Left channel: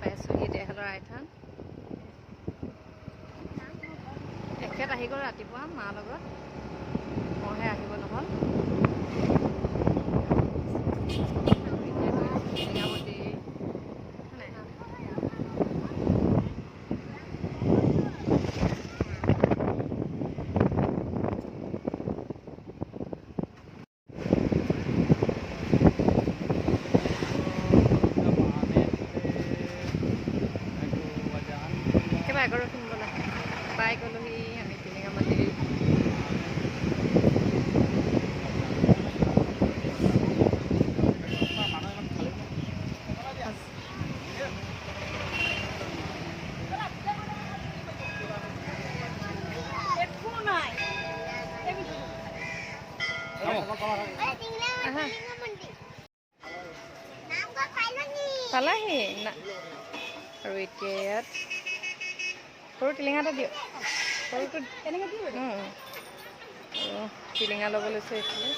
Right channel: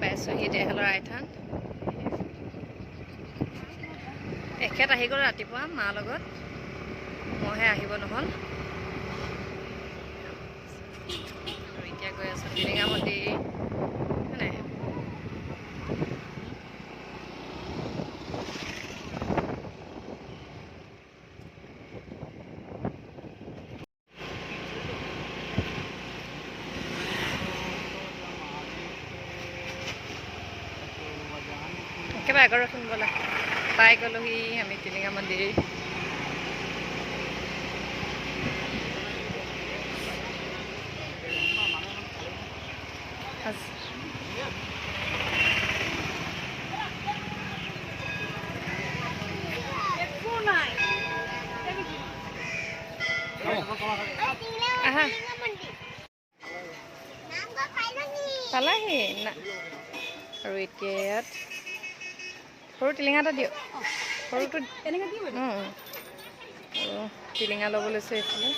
পাইছোঁহি দেহলৰ আইথান। এখেত আহি গ'ল ৰাতিপুৱা মাৰ লগত, মইহে আহিব নহ'ল। আৰু এতিয়া গৈ আছোঁ টিলিঙা মন্দিৰ। একেবাৰে আগৰ ৰখিম ব'লা, পাই গ'লোহি আমি টিলিঙা মন্দিৰ। আহা পালাহি না। আৰু এতিয়া ইয়াত সৰু টিলিঙা এটা দিয়ক, সৰুটো আৰু টিলিঙা ল'ব লৈছোঁ এইফালে।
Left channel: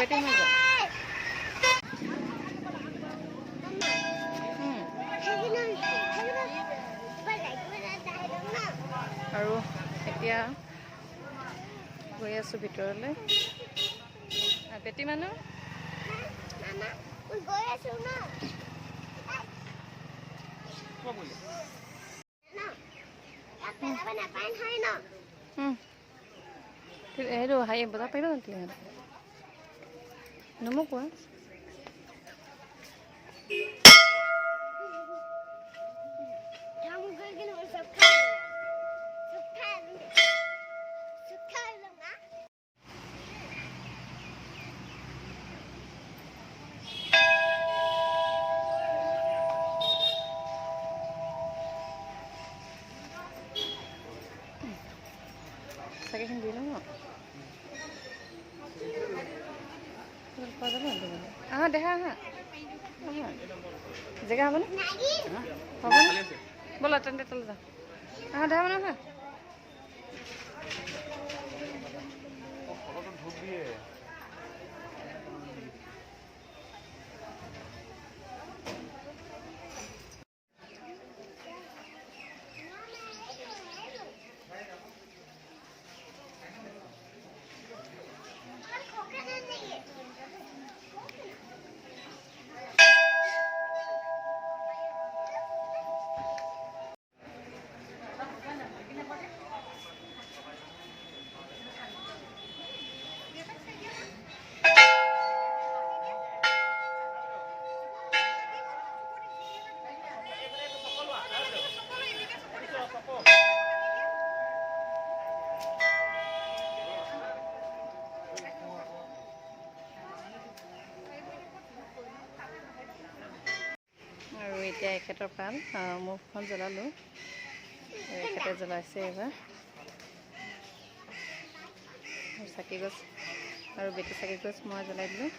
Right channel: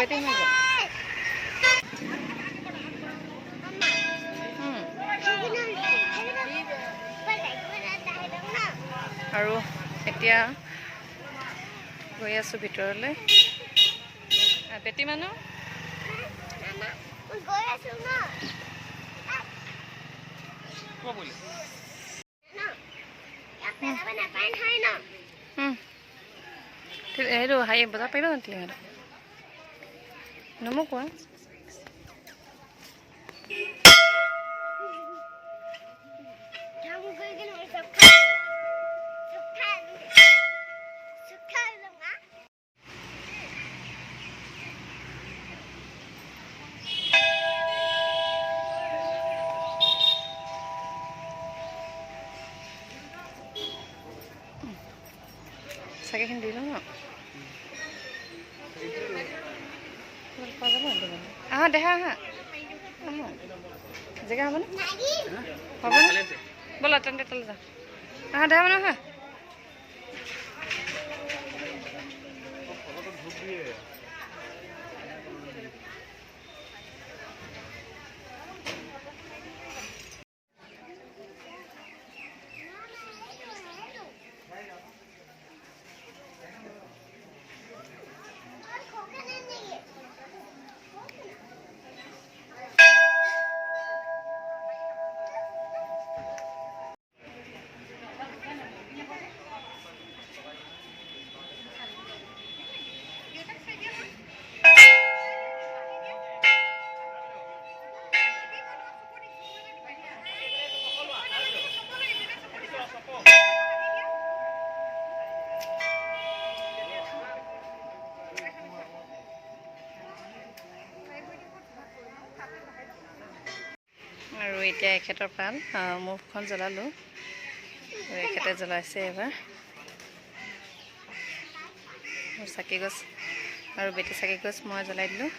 বেটি হৈ যায়। আৰু এতিয়া গৈ আছোঁ ভিতৰলৈ। বেটি মানুহ সেইটো হাই বজাৰ পাৰিবা জানো টিলিঙাটো নমোকোৱা। চাকিখিনি দি লওঁ ন, পোৱা যাব আহা দেখা আহা আহা জেগা হ'বনে হ'বনে ব'লা তেন্তে তলে যাওঁ। আহা দেখা মানে আহা। আৰু এতিয়া এখেতৰ পাল মুখখন জ্বলালোঁ, এখেতে জ্বলাইছে এবাৰ চাকি গছ আৰু বেটি চাকি গছ মই জ্বলাই দিলোঁ।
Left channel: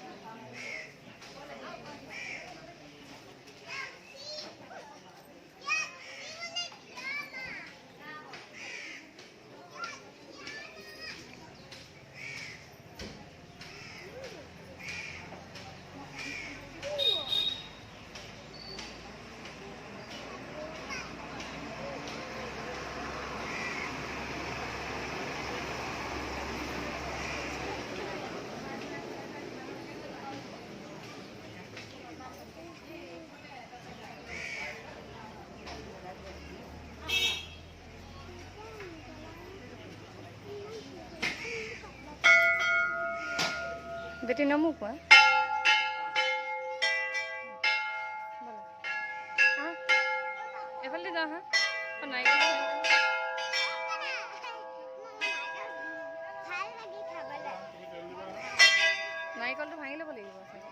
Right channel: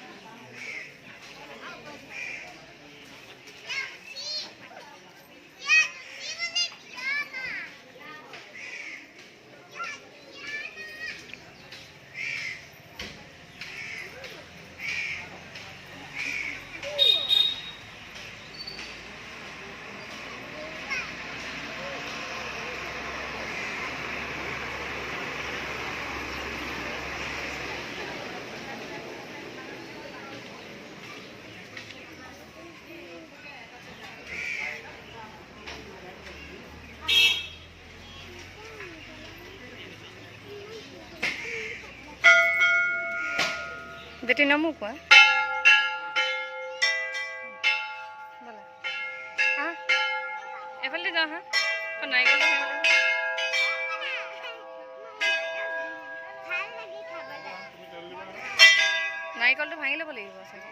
বেটি নমোকোৱা ব'লা হা এফালে যাওঁ হা নাৰিকলটো নাৰিকলটো ভাঙি ল'ব লাগিব চাগে।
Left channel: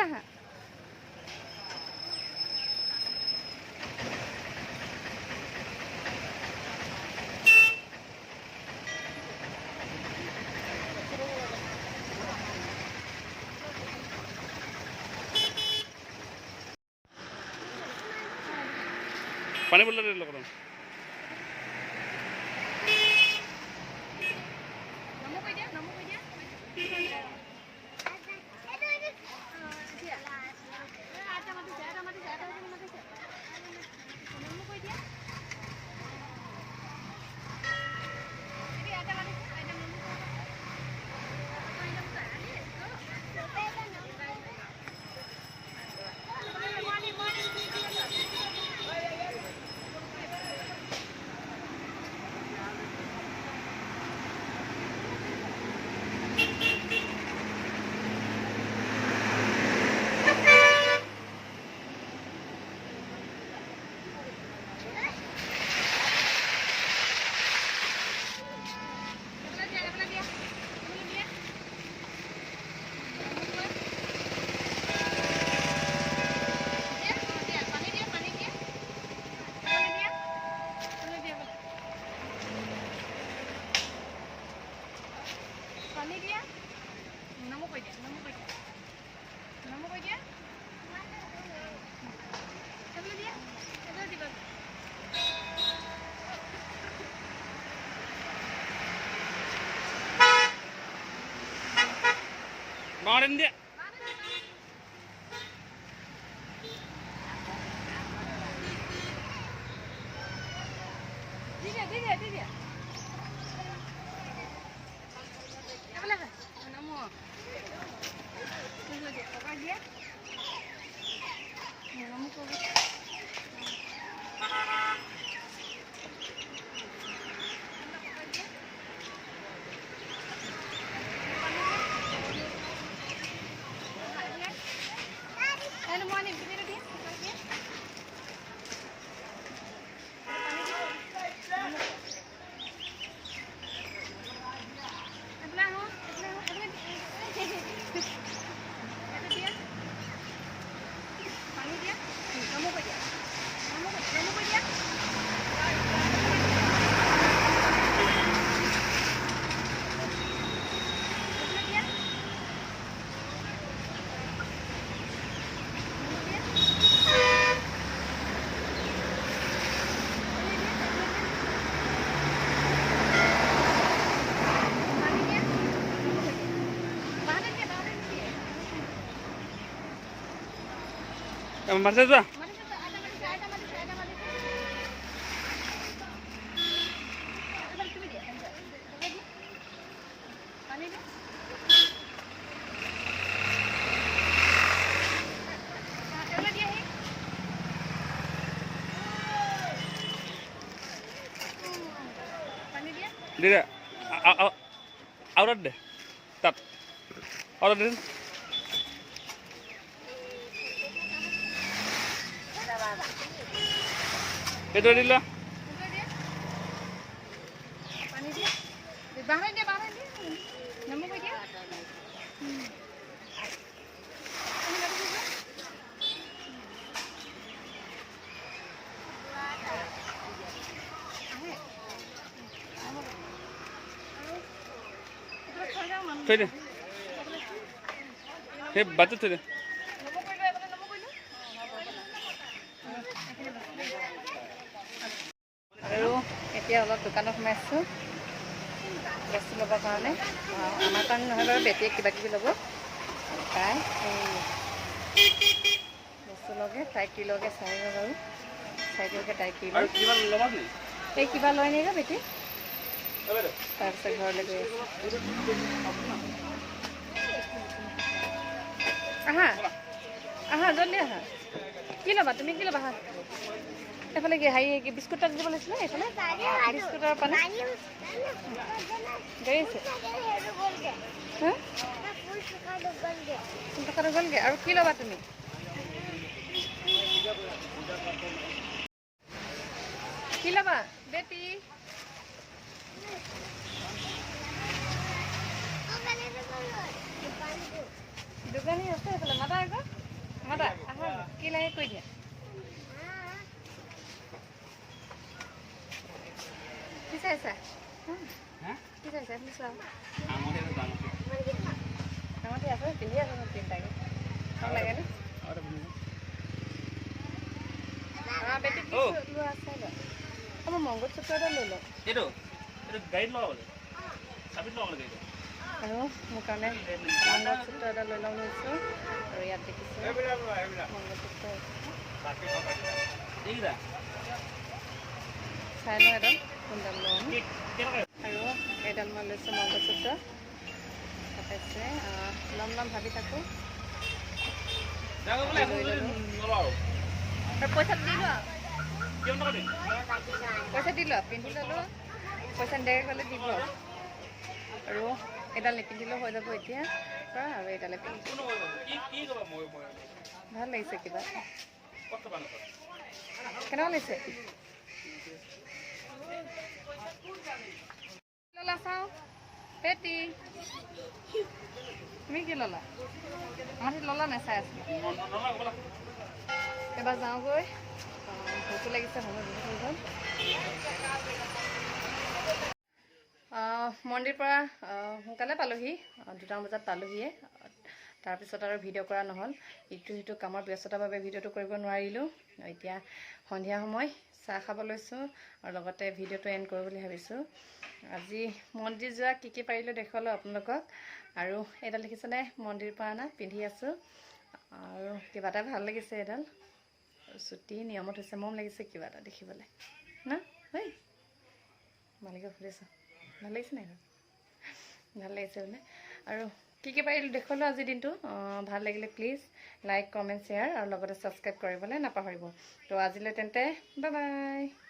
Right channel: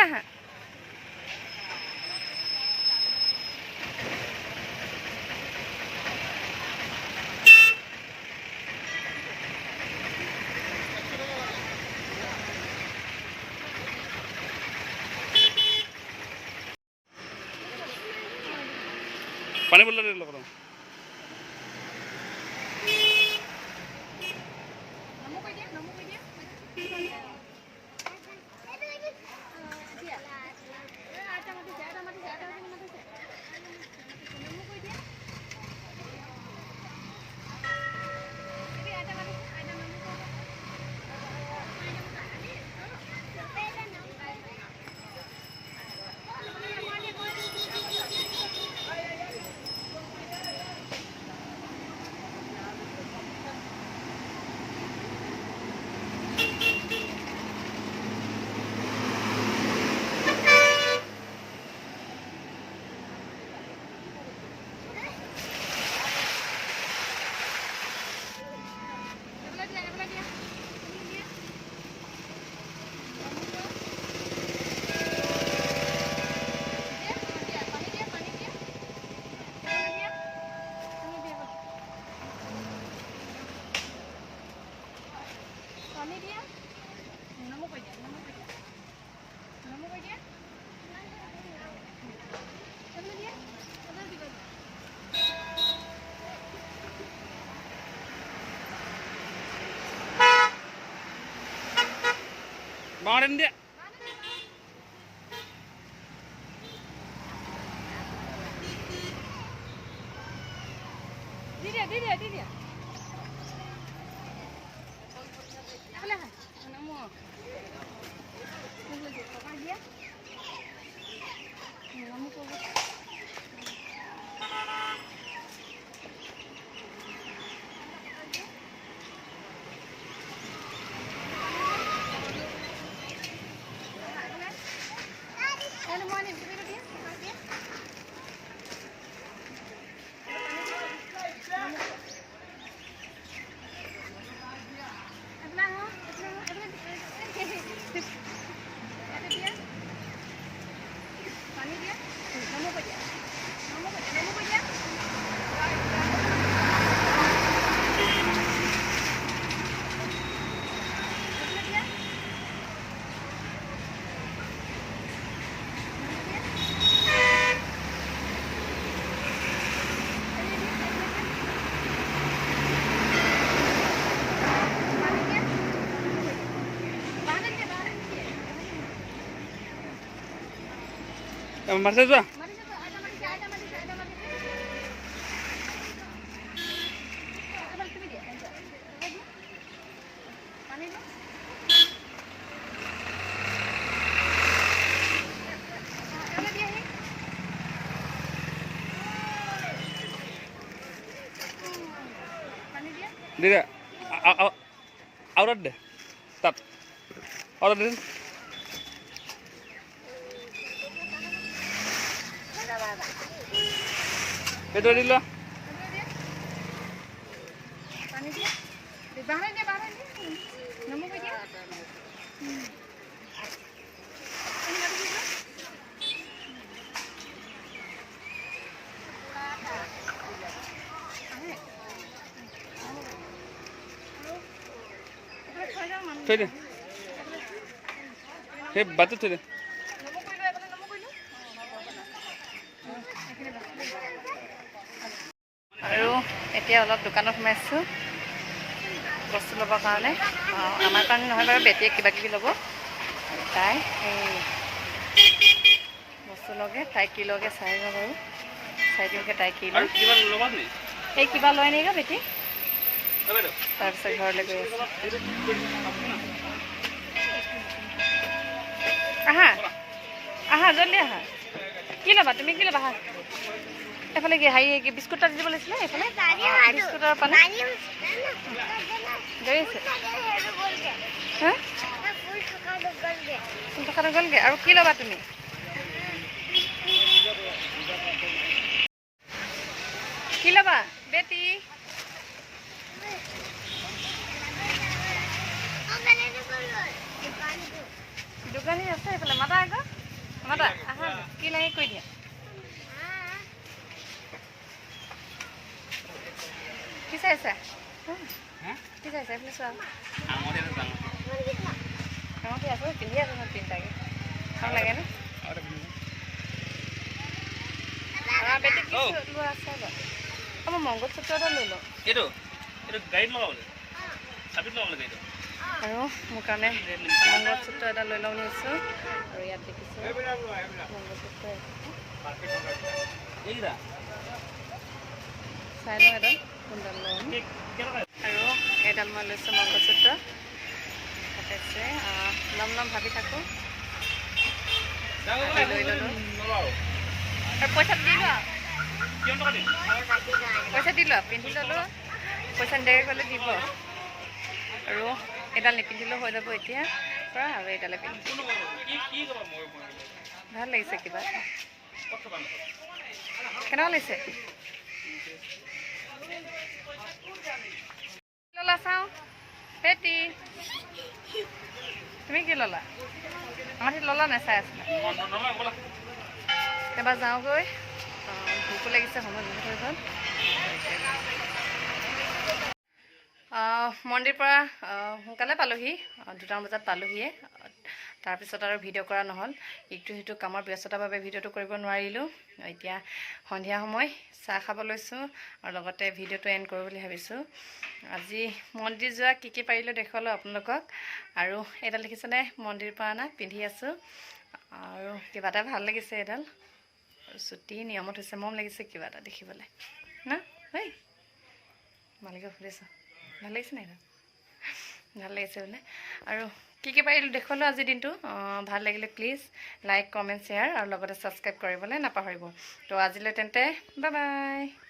এইফালে আহা পানী বটল লৈ লওক Morning dia. Dia. Apa lah? Nama. Ini lagi apa dia? Nama kau. Marcel juga. Dia, aurat deh, tap, aurat deh. Betul dulu. Pani dia. Di baharan dia. Nama apa dia? Ini apa juga? Thôi đi. Thế bắt thôi đi. আৰু এতিয়া অলপ দোকানত সোমাইছোঁ বস্তু ল'বৰ কাৰণে আমাৰ কাৰণে নহয় বাৰু বেটিয়ে কিবা কিবি ল'ব আৰু তাই এই বস্তু লগে তাই কি লগে চাই লওঁ বাৰু চাই দিওঁগৈ তাই কি লয় এই কিবা লয় নেকি বেটি তাৰপিছত ঘৰলৈ গৈ আছো আহা জলদি আহা কি ল'বা তুমি কি ল'বা আহা এফালে কি হেৰি বিস্কুট এটা দিব লাগিছিলে এইফালে বিস্কুটৰ পানী গৈ আছে হা ফুল থকাটো গ'লগৈ আৰু কি ল'বা তুমি কি ল'বা বেটি দোকানী আছে এইফালে মাতা আকৌ মাতা আহা কি লাগে কৈ দিয়া কি চাইছা কি চাইছা আপুনি চোৱা আঙুঠি আছে পিন্ধি আছে নহয় তিনিটাকে ভাল লাগে নে বেটি কি লোৱা চাই লোৱা মই মংগলসূত্ৰ এটা লৈ লওঁ আৰু মোৰ কাৰণে মংগলসূত্ৰ এটা লৈ লওঁ বুলি ভাবিছোঁ আৰু ইয়াত দেখিছোঁ মংগলসূত্ৰ চাই লওঁ এডাল কোনডাল লওঁ আৰু এইডাল মই লৈছোঁ মংগলসূত্ৰ তাতে ল'ম ভাবি থাকোঁ লৈ ল'লোঁ আৰু পইচা দি লোৱা পইচা দি লোৱা পিন্ধি ল'লোঁ পইচা নিদিয়াকৈ গ'লে দিব আৰু এডাল নিপিন্ধিলেও হৈ যাব এতিয়া পৰা আৰু এইডালে পিন্ধি ভাল লাগিছে কিবা কেনেকুৱা লাগিছে ল'লা চাওঁ পেটি তুমি কি ল'লা আমাৰ ল'লা নাই চাই আছিলা এবাৰ যাওঁগৈ ভোকো লাগিছে সময় বহুত হৈ গ'ল মন্দিৰৰ পৰা সোনকালে পালোহি 2টামান বজাত পালোহিয়ে তাৰপিছত আৰু ভিডিঅ' কৰা নহ'ল ইটো সিটো কামৰ ব্যস্ততাৰ বাবে ভিডিঅ'টো কৰিব নোৱাৰিলোঁ এতিয়া সন্ধিয়া সময় চাহ খাব লৈছোঁ আৰু লগতে ভিডিঅ'টো এণ্ড কৰোঁ বুলি ভাবিছোঁ আজি মন্দিৰ যোৱা কি পাৰিলোঁ দেখুৱালোঁ আপোনালোকক আৰু এডাল দেখিছেনে মন্দিৰৰ পৰা অনা পিন্ধি আছোঁ আৰু কিবা এটা ভাল লাগিছে এডাল চুটি নিয়মত হৈছে মৰম লাগিছে কিবা এটা দেখিবলৈ না ঐ মালিকক সুধিছোঁ ভাল লাগিছে নাই ভাল লাগিছে বোলে আৰু কি পাৰিলোঁ দেখুৱালোঁ আজিৰ দিনটো ভাল লাগিলে প্লিজ লাইক কমেণ্ট শ্বেয়াৰ আৰু লগতে ছাবস্ক্ৰাইব কৰিবলৈ নাপাহৰিব তো আজিলৈ তেন্তে বাই বাই